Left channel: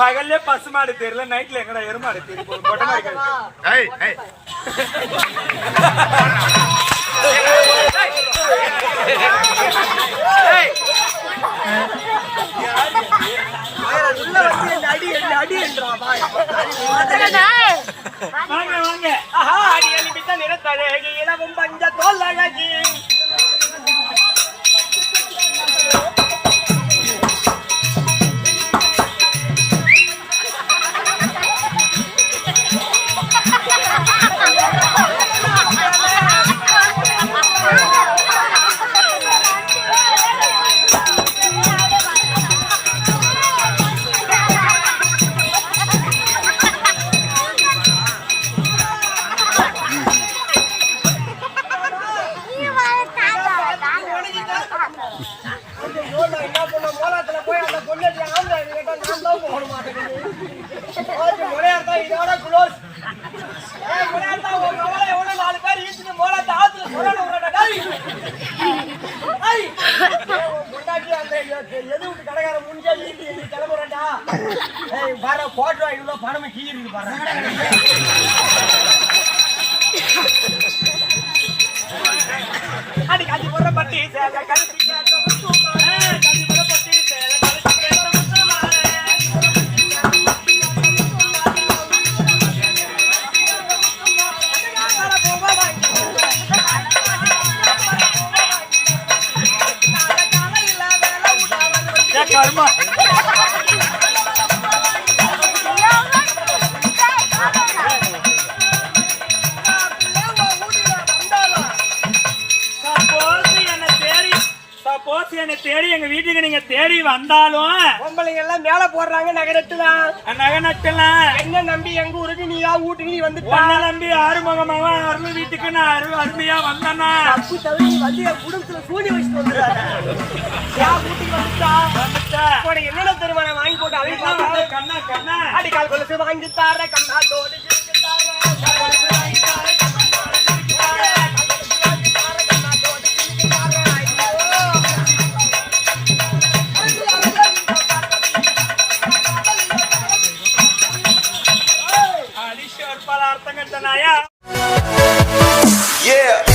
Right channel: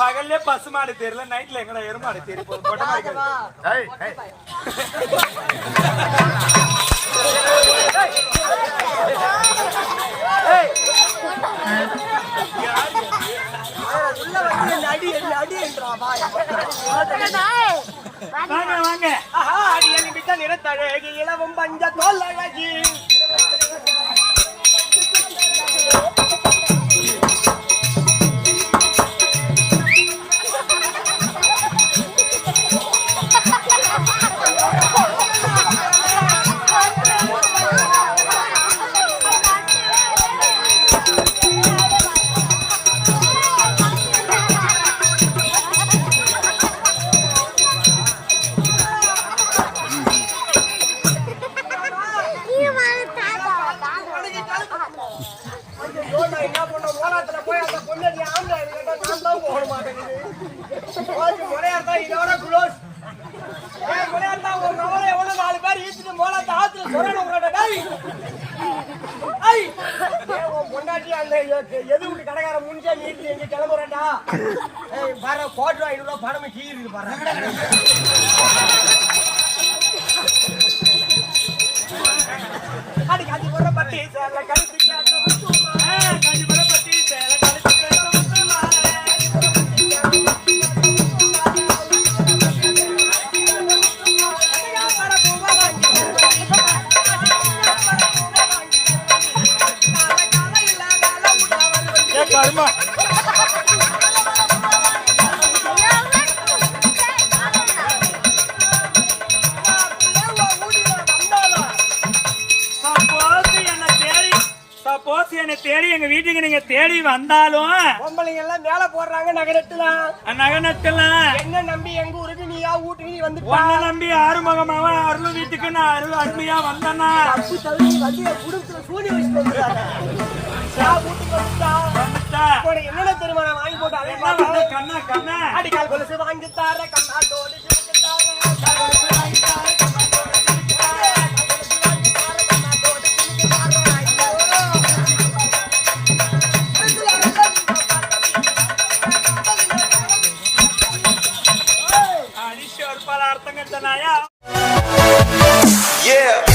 பகல்ல பசுமாடு தெரியல, நைட்ல எங்கடா எருமாடு தெரியும். வாங்க வாங்க. அடி எழுப்பித்த நிறத்தழகி இளவும் பஞ்ச தோல் அழகி என்ன பண்ண மோலாத்துல போய் அந்த பொண்ணு ஆம்பளை கேட்டா நான் தான் போக மாட்டேங்குது. முறையார்த்தா இதோட குளோஸ் முறையார்த்தா ஒரு மோளை எவ்வளவு 4 பேர் ஈச்சுட்டு மோலாத்த ஆத்துல சொரண விடடா. பொண்டாட்டி அந்த எது விட்டு கடைக்கார முன்னிச்சா ஈட்டி எங்க கிளம்புறா. வர போட்டோ 500 ரூபாய் பணம் கீழே பாரு. அடி காஞ்சி போற பட்டி சேலை கழுத்து கேட்டோம். காஞ்சி போற பட்டி சேலை கழுத்து கேட்டோம். சப்போஸ் என்ன தேடி எங்க வீட்டுக்கு நீங்க தேடி வந்தாலும் பொம்பளைங்க எல்லாம் மேல போடுறாங்க நகனட்டுலாம் என்ன நம்பி எங்க ஊருக்கு நீயா வீட்டுக்கு நீ வந்து உன்னை நம்பி ஆறுமுகமாவா அருள் வீட்டுக்கு நான் அருமையா வந்தேன்னா வந்து குடும்பத்துல சூடி வச்சுட்டு வந்துட்டா என்னென்ன தெரியுமா நான் வாங்கி போட்டு கண்ணா கண்ணா அடிக்கால் கொலுசு வாங்கி தார கண்ணா தோடு அர்த்தங்கள் தானாயா. Yeah.